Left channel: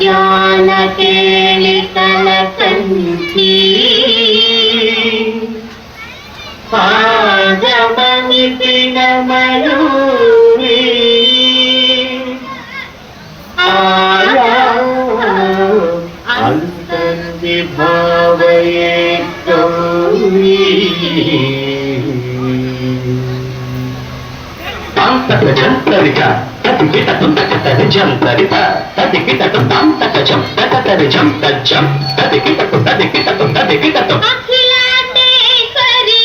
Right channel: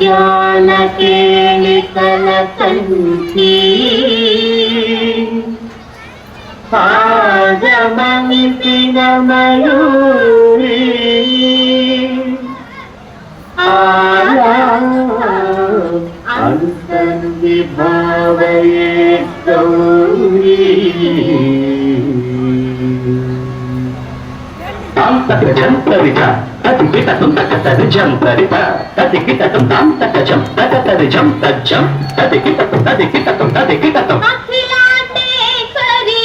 ಮುತ್ಯಾಲ ಕೇಳಿತಲ ಕಂಠಿ ಪಾದಮನಿತಿನ ಮಯೂರಿ ಅಂತಂದಿ ಭಾವಯೇ ಗೌರಿ జంతరిక తదికిట తుంతకతరి జంతరిక తదికిట తుంతంతకజం తకతరి జం తజ్జం తదికిట తదికిట అఖిలాండేశ్వరి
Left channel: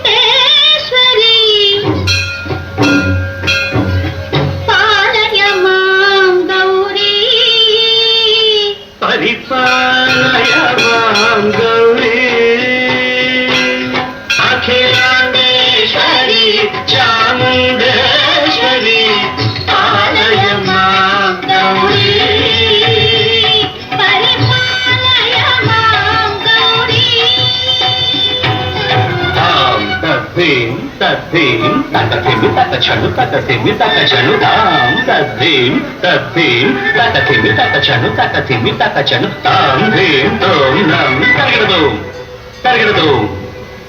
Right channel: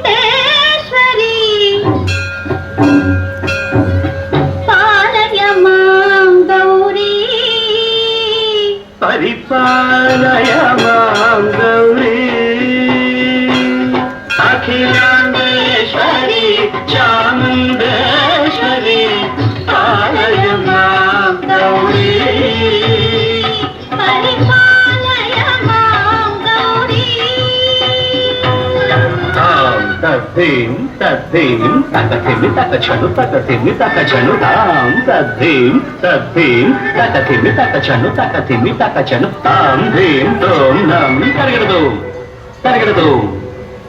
చాముండేశ్వరి పాలయ మాం గౌరీ పరిపాలయ మాం గౌరీ అఖిలాండేశ్వరి చాముండేశ్వరి పాలయ మాం గౌరీ పరిపాలయ మాం గౌరీ తద్ధిం తద్ధిం తకథిమి తకచను తకథిమి తకచను తాం తద్ధిం తద్ధిం తకథిమి తకచను తకథిమి తకచను తాం ధీం తోం నం తరగడదు తరగడదు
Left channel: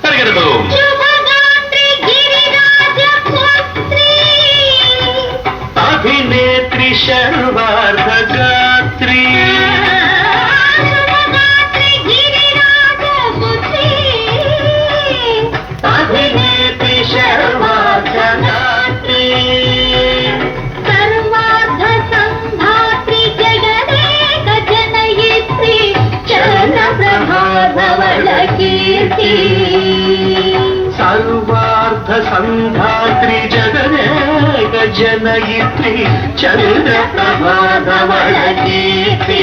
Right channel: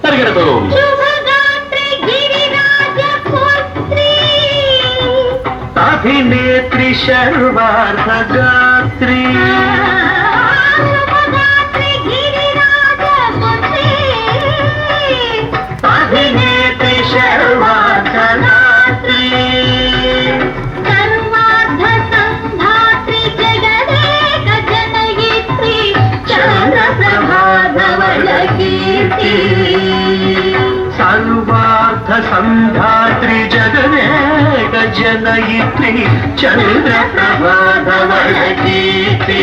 తరగడదు శుభగాత్రి గిరిరాజ పుత్రి అభినేత్రి సర్వార్థగాత్రి శుభగాత్రి గిరిరాజ పుత్రి అభినేత్రి సర్వార్థగాత్రి సర్వార్థ సంధాత్రి జగదేక జనయిత్రి చంద్ర ప్రభాధవళ కీర్తి సర్వార్థ సంధాత్రి జగదేక జనయిత్రి చంద్ర ప్రభాధవళ కీర్తి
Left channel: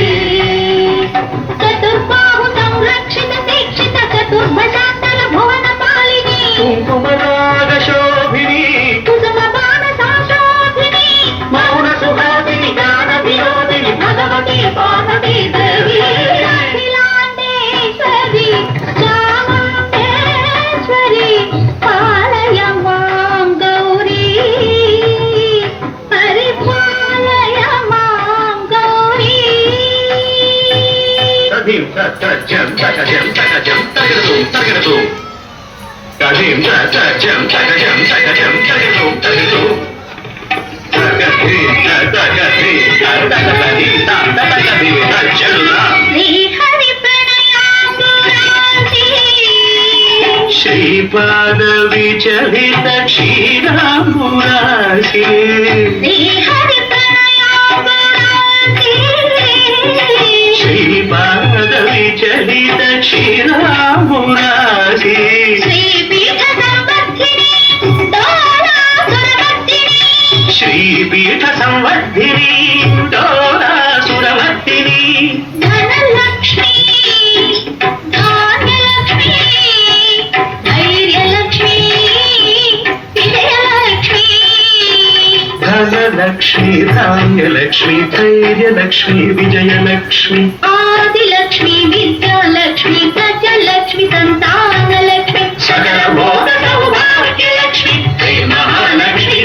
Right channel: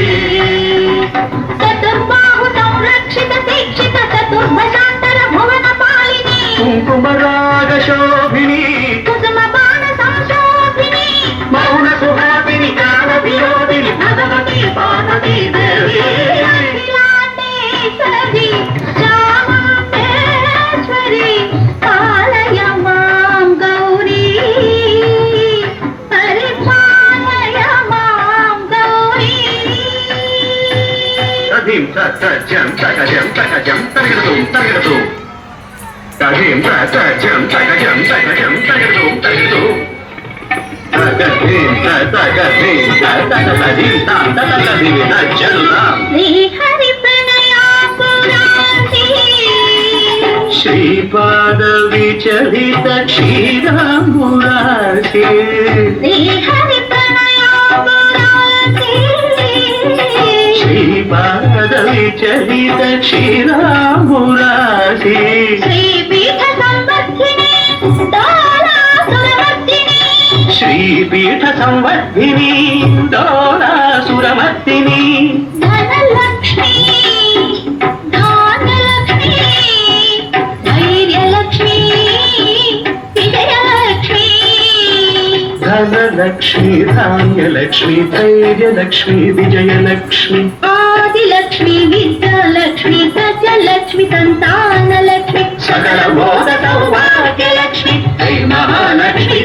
చతుర్బాహు సంరక్షిత దీక్షిత చతుర్భజాంతర భువన పాలిని కుంకుమరాగ శోభిని కుసుమ బాణ సంశోభిని మౌన సుహాసిని గాన విరోధిని భగవతి పార్వతీ దేవి అఖిలాండేశ్వరి చాముండేశ్వరి పాలయ మాం గౌరీ పరిపాలయ మాం గౌరీ తదిం తజం తగజం తగజం తగదు తగదు తదిం తజం తగజం తగజం తగదు తగదు తగదిం తగదిం తగదది తగదది తజల్లా శ్రీహరి ప్రణయాపురాంతి శ్రీపాద విచలిత క్షీరాంబురాశి శ్రీహరి ప్రణయాపురాంతి శ్రీపాద విచలిత క్షీరాంబురాశి శ్రీపీఠ సంవర్ధిని డోలాసురవర్ధిని శ్రీపీఠ సంవర్ధిని డోలాసురవర్ధిని ధనలక్ష్మి ధాన్యలక్ష్మి ధైర్యలక్ష్మి విజయలక్ష్మి ధనలక్ష్మి ధాన్యలక్ష్మి ధైర్యలక్ష్మి విజయలక్ష్మి ఆదిలక్ష్మి విద్యాలక్ష్మి గజలక్ష్మి సంతానలక్ష్మి సకల భోగ సౌభాగ్యలక్ష్మి శ్రీ మహాలక్ష్మి